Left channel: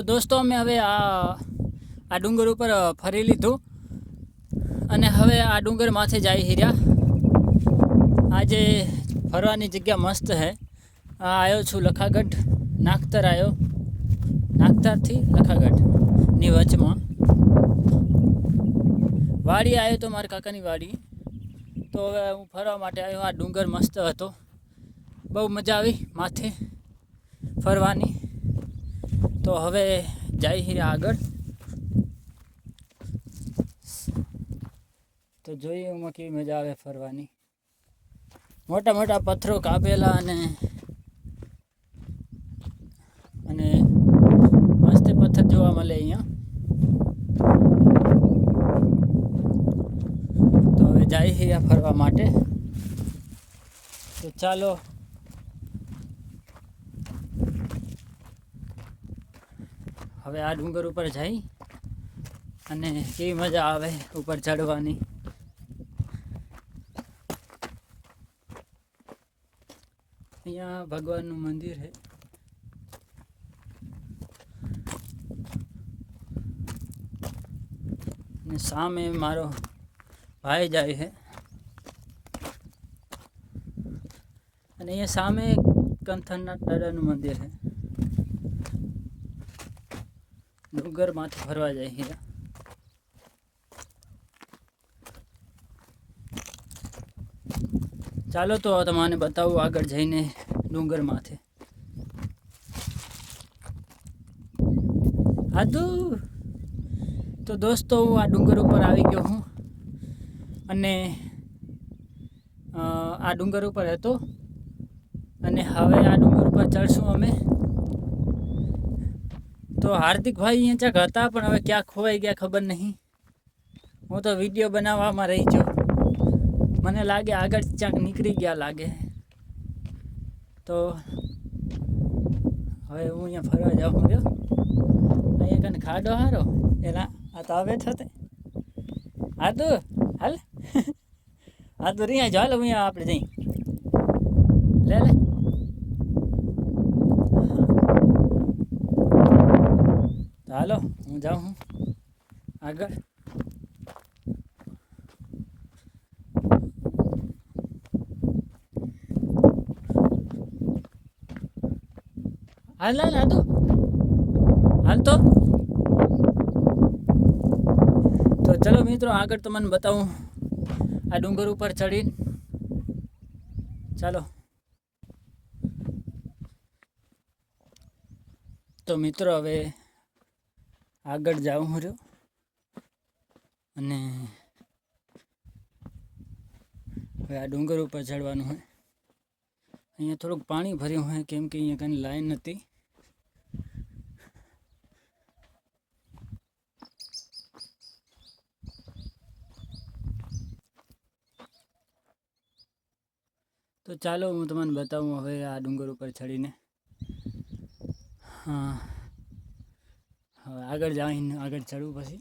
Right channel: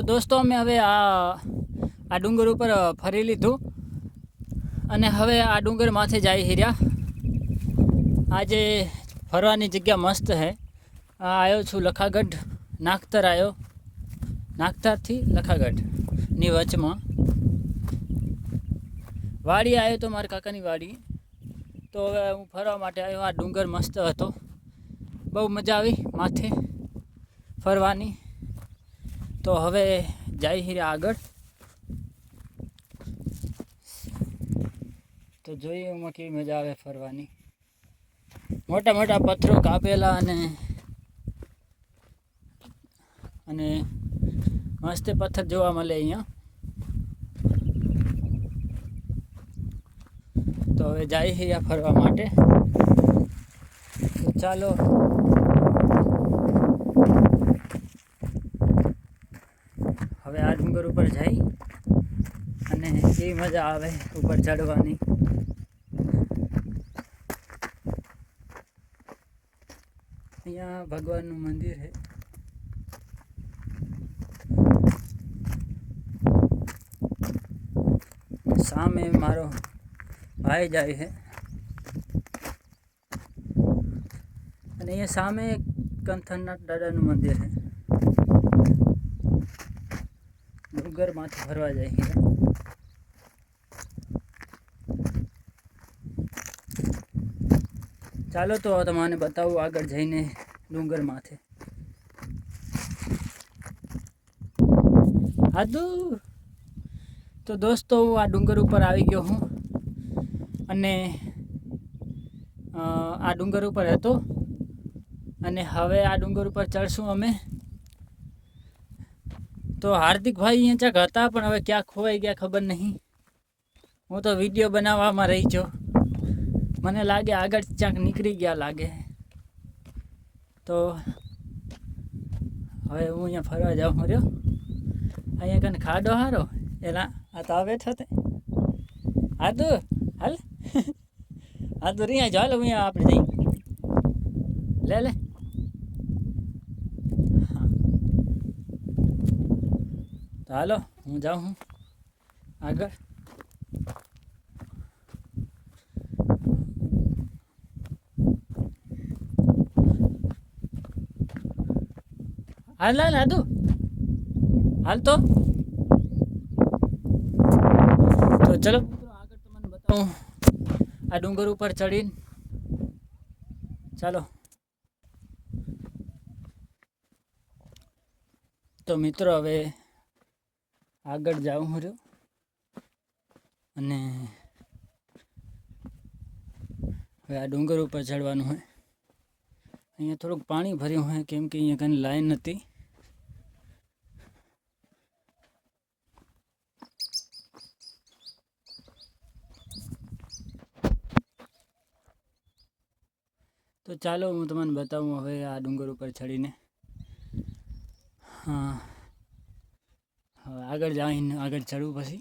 તો દોસ્તો, અમે હવે આ આ ડુંગર ઉપર ફરી લીધું. અને હવે આ ડુંગર માથે જાય હીર્યા. આજે ફરવાની જગ્યા મસ્ત હે. આ આવ્યો છું લખાગઢ નાગતર આવ્યો નાગતરથી લખાગઢની વચમાં. વાડી આવ્યો તો મારા કાકાની વાડી. તો હવે હું ફરવા માટે આવ્યો આ ડુંગર મસ્ત હતો. બહુ મજા આવી માથે ફરવાની. તો હવે જાય હીરા આગળ. તો જોઈએ એમાં કેવી મજા આવે ફરવાની. મોટા મોટા પથ્થરો કાપેલા અને અને મસ્ત પથ્થર જોવા મળે અહીંયા. તો હવે જાય હીરા ફરવા માટે. તો ચાલો હવે આ ડુંગર ઉપર જઈ અને કેવી મજા આવે ઉપર ચડવાની. અહીંયા ભગવાનનું મંદિર છે. સામે મારો ભાઈ જાય છે. અને અહીંયા સામે કંથનનાથ દાદાનું મંદિર છે. ડુંગરમાંથી ફરવા જાય હીરા ચાલો તો તમને બતાવું આગળ જઈને ડુંગર માથે હાદુ! તો દોસ્તો, હું આ ડુંગર ઉપર આવી ગયો હું. અને આ ડુંગર ઉપર હતો. અને હવે આ ડુંગર ઉપર ચડશું અમે. તો હાર્દિકભાઈ અહીંયા ક્યાંક હતા, પણ હવે ક્યાં ખોવાઈ ગયા ખબર નહીં. હું તો વીડિયો બનાવવામાં રહી છું. મને લાગે આગળ ક્યાંક નીકળી ગયા લાગે. તો હવે હું અહીંયા ફરવા જાઉં રહ્યો અહીંયા કને ખાડો હારો? એના આ તો આવે થતે હા તો હાલ. હા તો રહ્યા ચાલો અહીંયા આપણે જઈ. લે લે. હાલો, હું જાઉં હું. આગળ. હાલ હાલ, હાદુ. હાલ તો. તો ચલો મિત્રો, આગળ તમને બતાવું. આ ડુંગર ઉપર ચડીને. ચાલો. તો મિત્રો, હવે આગળ જાઉં રહ્યો. અને હવે આ ડુંગર ઉપર ચડવાનું હોય. અહીંયા થોડુંક પાણી ભર્યું હોય, કેમ કે અહીંયા કંઈ લાઈન નથી. તો ચાલો હું તમને બતાવું હવે આ ડુંગર ઉપર ચડીને. હા. હવે આગળ જઈને આગળ ચડવું પછી.